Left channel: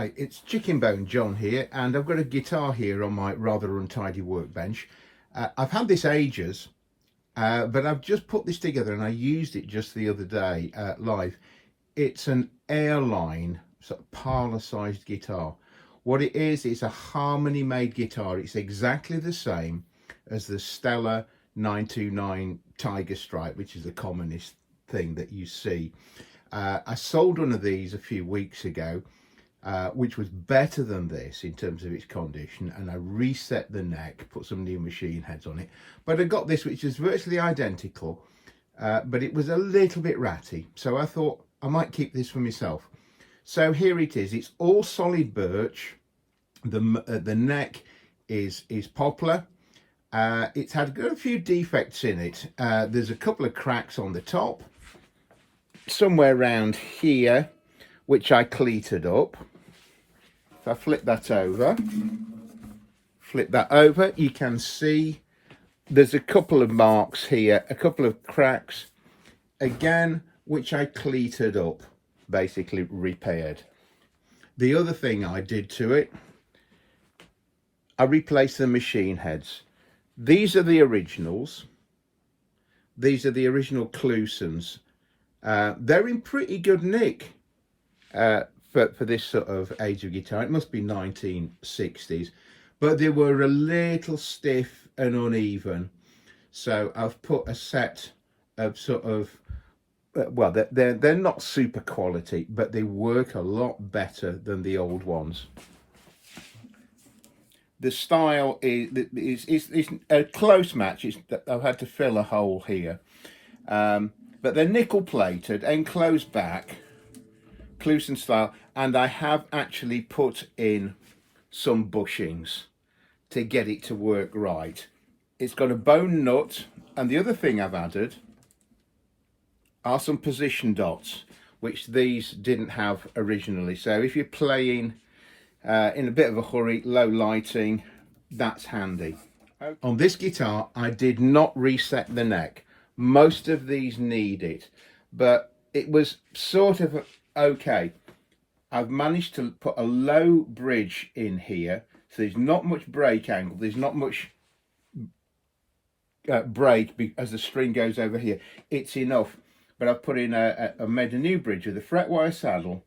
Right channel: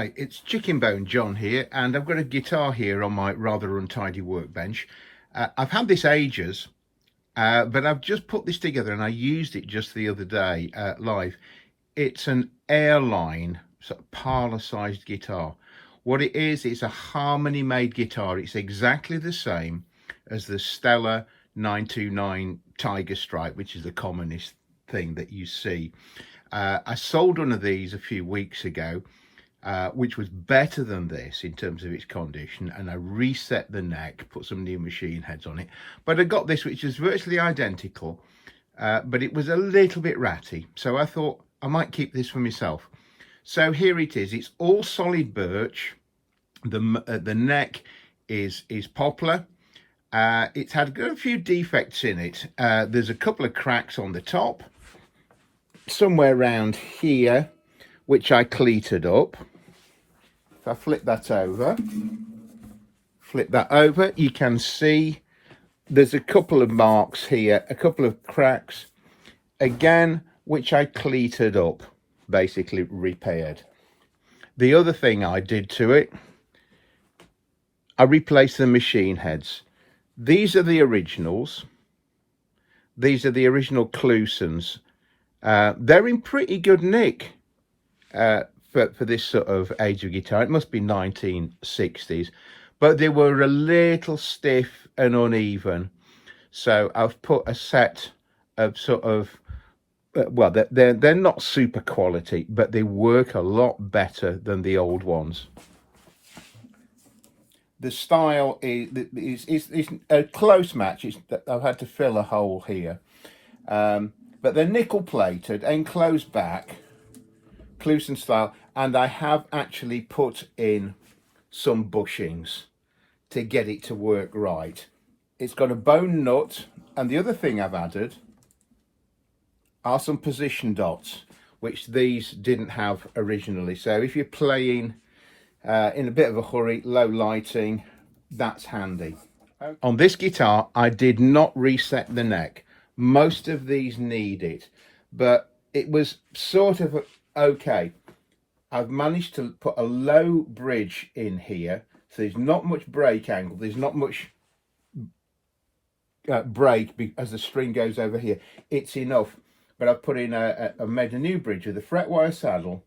Hi, it's ChickenboneJohn here, and I've got a guitar here on my rather untidy workbench. I've had this ages, but I've just put this together and I used it just the other day live. It's an Airline sort of parlour-sized guitar. What it is, it's a harmony-made guitar. It's exactly the same as the Stella 929 Tiger Stripe, which is the commonest thing that you see. I sold one of these a few weeks ago, which was better than this in terms of its condition, and I reset the neck, put some new machine heads on it. But I got this, which is virtually identical, but it was a little bit ratty, so I thought I might keep this for myself. So here it is. It's all solid birch. The neck is poplar. It's had a few defects in it. There's a couple of cracks on the top, somewhere around here, which I cleated up. If I flip that over, you can see there's a couple of marks here, a couple of cracks, again, which I cleated up, basically repaired. The other thing I did to it, I replaced the machine heads. These are the originals. These are the original Clusons. They're in pretty good nick for this sort of age of guitar. It must be 1960s, but they were a little stiff and uneven. So I've put a set of sort of, well, they're not super quality, but they work a lot better than the old ones. The style is a close match. I've had to fill a hole here. But they're nickel plated, enclosed back, Cluson style, and I have actually put in some bushings to get it to work right. It's got a bone nut, and the other thing I've added are some position dots, which these didn't have originally. So if you're playing in a bit of a hurry, low lighting, that's handy. On this guitar, I did not reset the neck. Most of these need it, but it was sort of okay. I've managed to put a low bridge in here, so there's not much break angle, there's not much break as the string goes over here. It's enough, but I've put in I made a new bridge with a fret wire saddle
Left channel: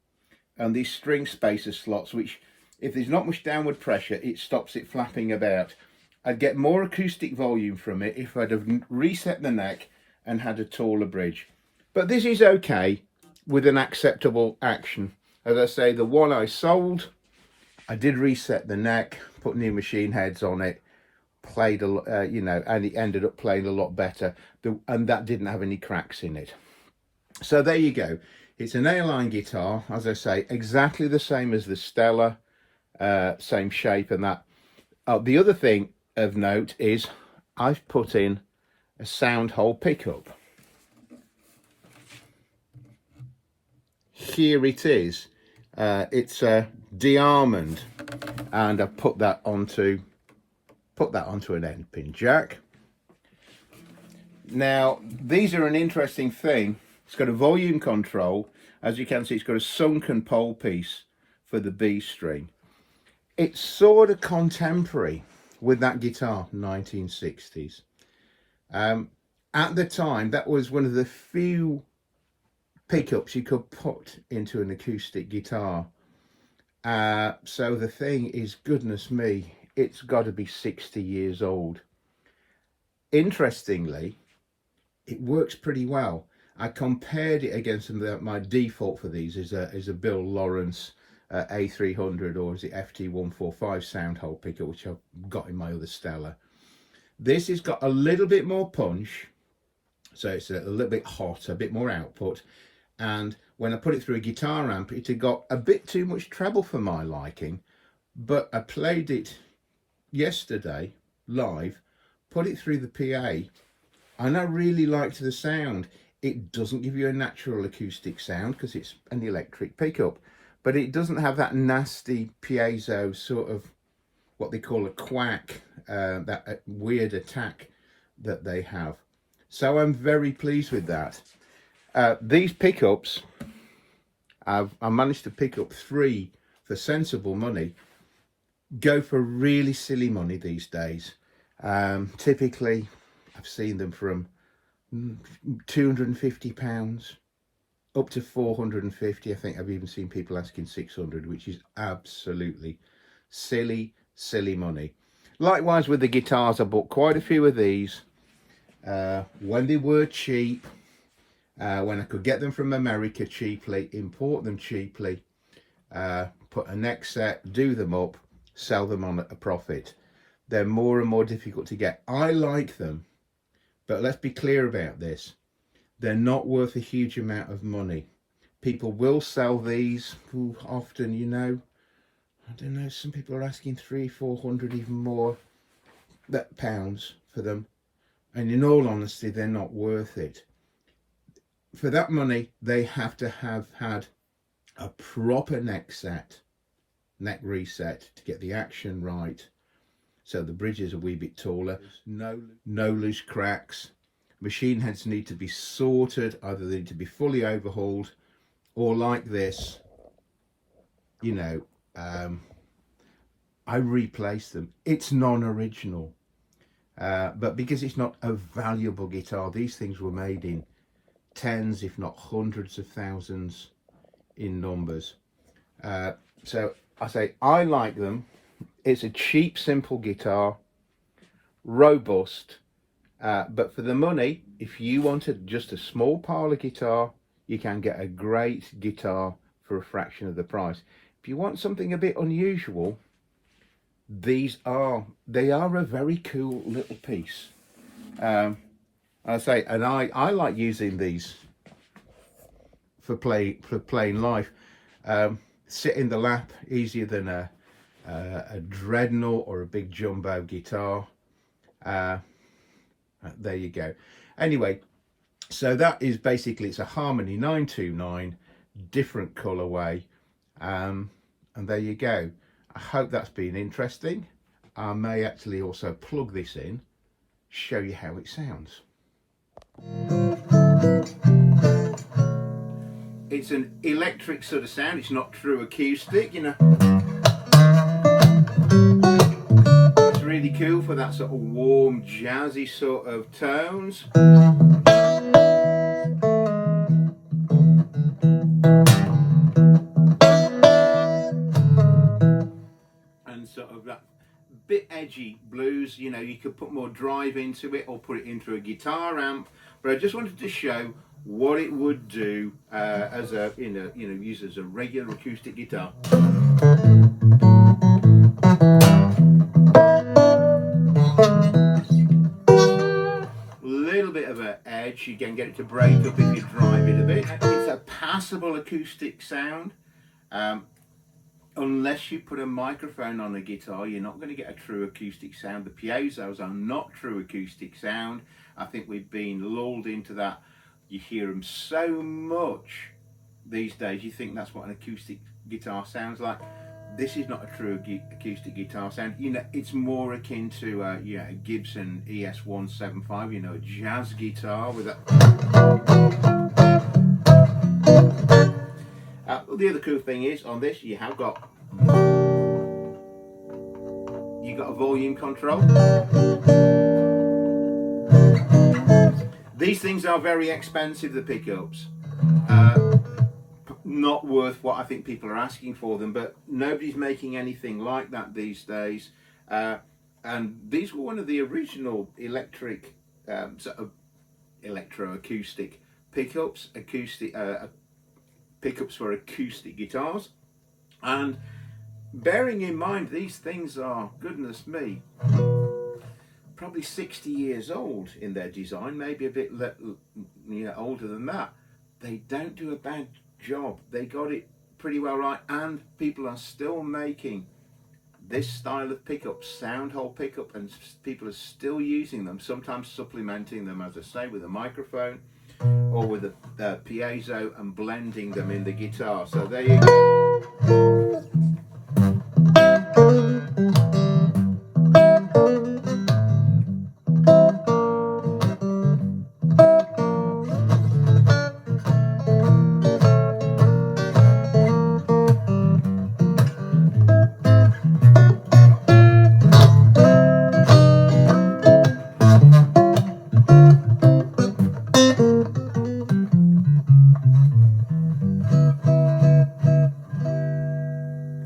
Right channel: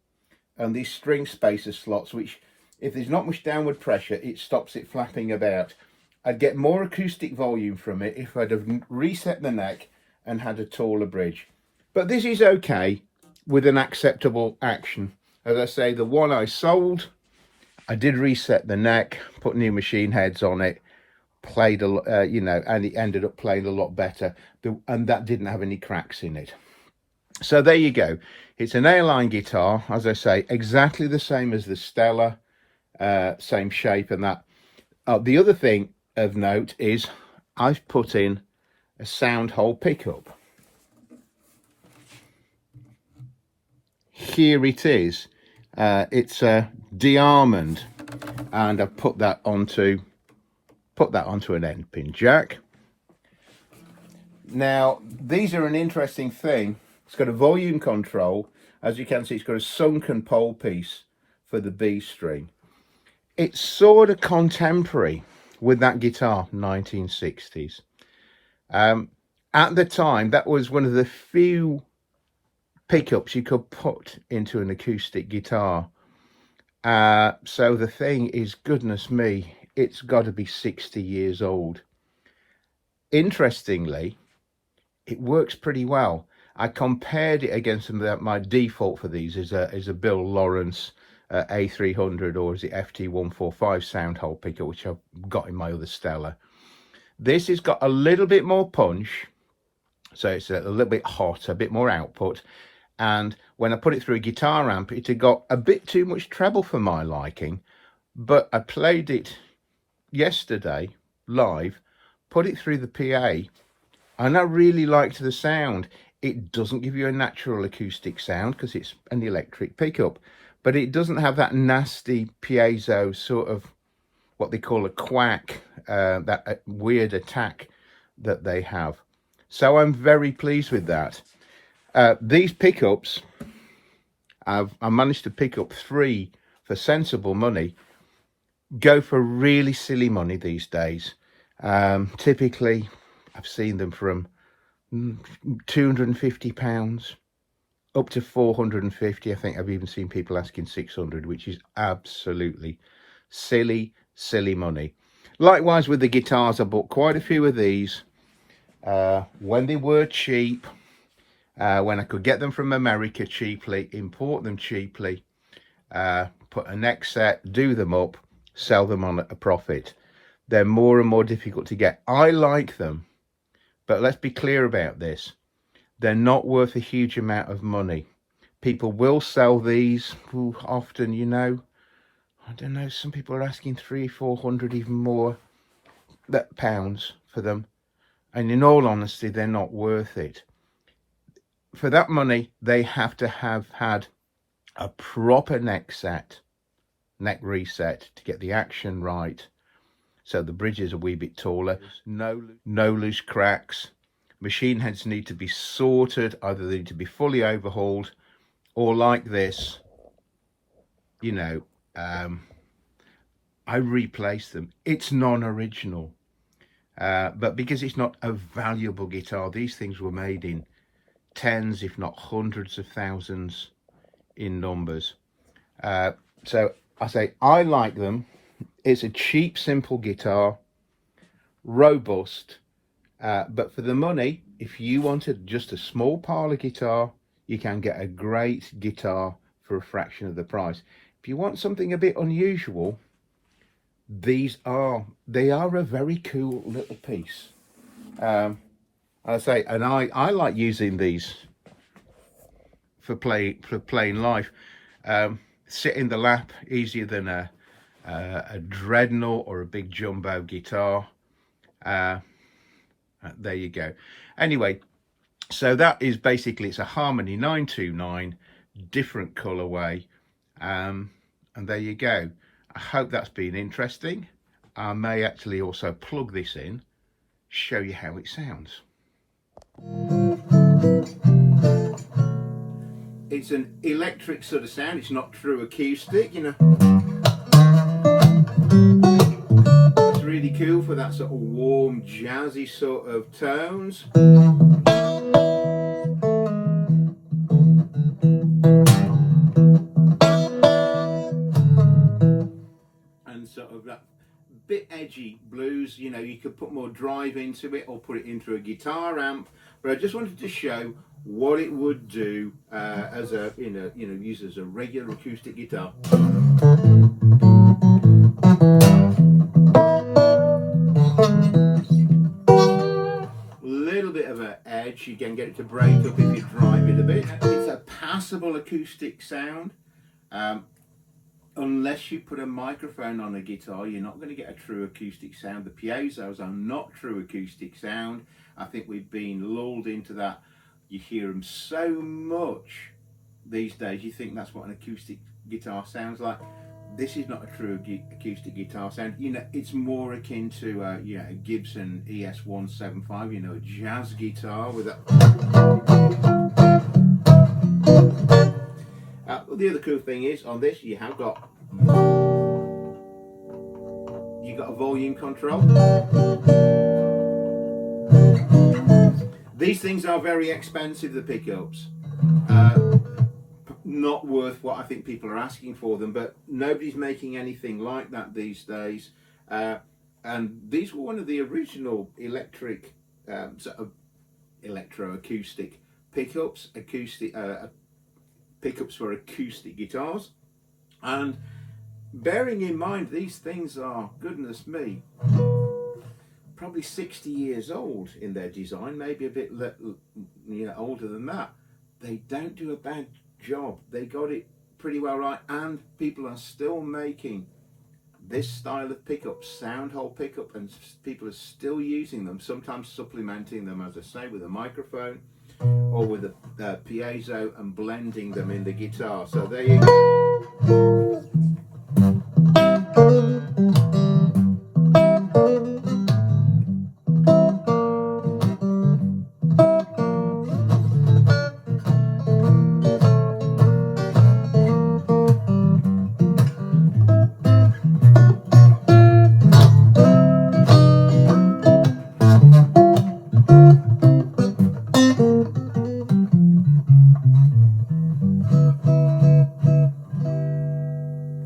and these string spacer slots, which if there's not much downward pressure, it stops it flapping about. I'd get more acoustic volume from it if I'd have reset the neck and had a taller bridge. But this is okay with an acceptable action. As I say, the one I sold, I did reset the neck, put new machine heads on it, played a you know, and it ended up playing a lot better, and that didn't have any cracks in it. So there you go. It's an Airline guitar, as I say, exactly the same as the Stella, same shape and that. The other thing of note is I've put in a soundhole pickup. Here it is. It's a DeArmond, and I've put that onto an end pin jack. Now these are an interesting thing. It's got a volume control. As you can see, it's got a sunken pole piece for the B string. It's sort of contemporary with that guitar, 1960s. At the time, that was one of the few pickups you could put into an acoustic guitar. So the thing is, goodness me, it's got to be 60 years old. Interestingly, it works pretty well. I compared it against my default for these is a Bill Lawrence A300, or is it FT145 soundhole pickup, which I've got in my other Stella. This has got a little bit more punch, so it's a little bit hot, a bit more output, and when I put it through a guitar amp, it had got a bit too much treble for my liking. But I played it yesterday live, put it through the PA, and I really liked the sound. It doesn't give you a natural acoustic sound because it's an electric pickup, but it doesn't have that nasty piezo sort of what they call a quack, that weird attack that they have. So I'm very pleased with that. These pickups, I managed to pick up 3 for sensible money, go for really silly money these days. Typically, I've seen them from £250 up to 450. I think I've even seen people asking 600, which is absolutely silly money. Likewise with the guitars, I bought quite a few of these when they were cheap, when I could get them from America cheaply, import them cheaply, put a neck set, do them up, sell them on a profit. They're more and more difficult to get. I like them, but let's be clear about this. They're not worth a huge amount of money. People will sell these often, you know. I don't know, some people are asking 300-400, even more pounds for them. And in all honesty, they're not worth it. For that money, they have to have had a proper neck reset to get the action right. So the bridge is a wee bit taller, no loose cracks. Machine heads need to be sorted, either they need to be fully overhauled, or like this, you know, I replace them. It's non-original, but because it's not a valuable guitar, these things were made in tens, if not hundreds of thousands in numbers. So I say I like them. It's a cheap, simple guitar, robust, but for the money, if you wanted just a small parlour guitar, you can get a great guitar for a fraction of the price. If you want something a bit unusual, they are a very cool little piece. I say, and I like using these for plain life. Sit in the lap, easier than a dreadnought or a big jumbo guitar. There you go. Anyway, so that is basically, it's a Harmony 929, different colorway, and there you go. I hope that's been interesting. I may actually also plug this in, show you how it sounds. It's an electric sort of sound. It's not true acoustic, you know. It's really cool for that sort of warm, jazzy sort of tones. And sort of that bit edgy blues, you know, you could put more drive into it or put it into a guitar amp, but I just wanted to show what it would do as a, used as a regular acoustic guitar. Little bit of an edge, you can get it to break up if you drive it a bit. It's a passable acoustic sound. Unless you put a microphone on a guitar, you're not going to get a true acoustic sound. The piezos are not true acoustic sound. I think we've been lulled into that. You hear them so much these days, you think that's what an acoustic guitar sounds like. This is not a true acoustic guitar sound. You know, it's more akin to a Gibson ES-175, you know, a jazz guitar with a... The other cool thing is, on this, you have got a volume control. These things are very expensive, the pickups. Not worth what I think people are asking for them, but nobody's making anything like that these days. And these were one of the original electric, sort of electro-acoustic pickups, pickups for acoustic guitars. And bearing in mind, these things are, goodness me, probably 60 years old in their design, maybe a bit older than that. They don't do a bad job. They got it pretty well right, and people are still making this style of pickup, soundhole pickup, and people are still using them, sometimes supplementing them, as I say, with a microphone or with a piezo and blending them in the guitar. So there you go. you.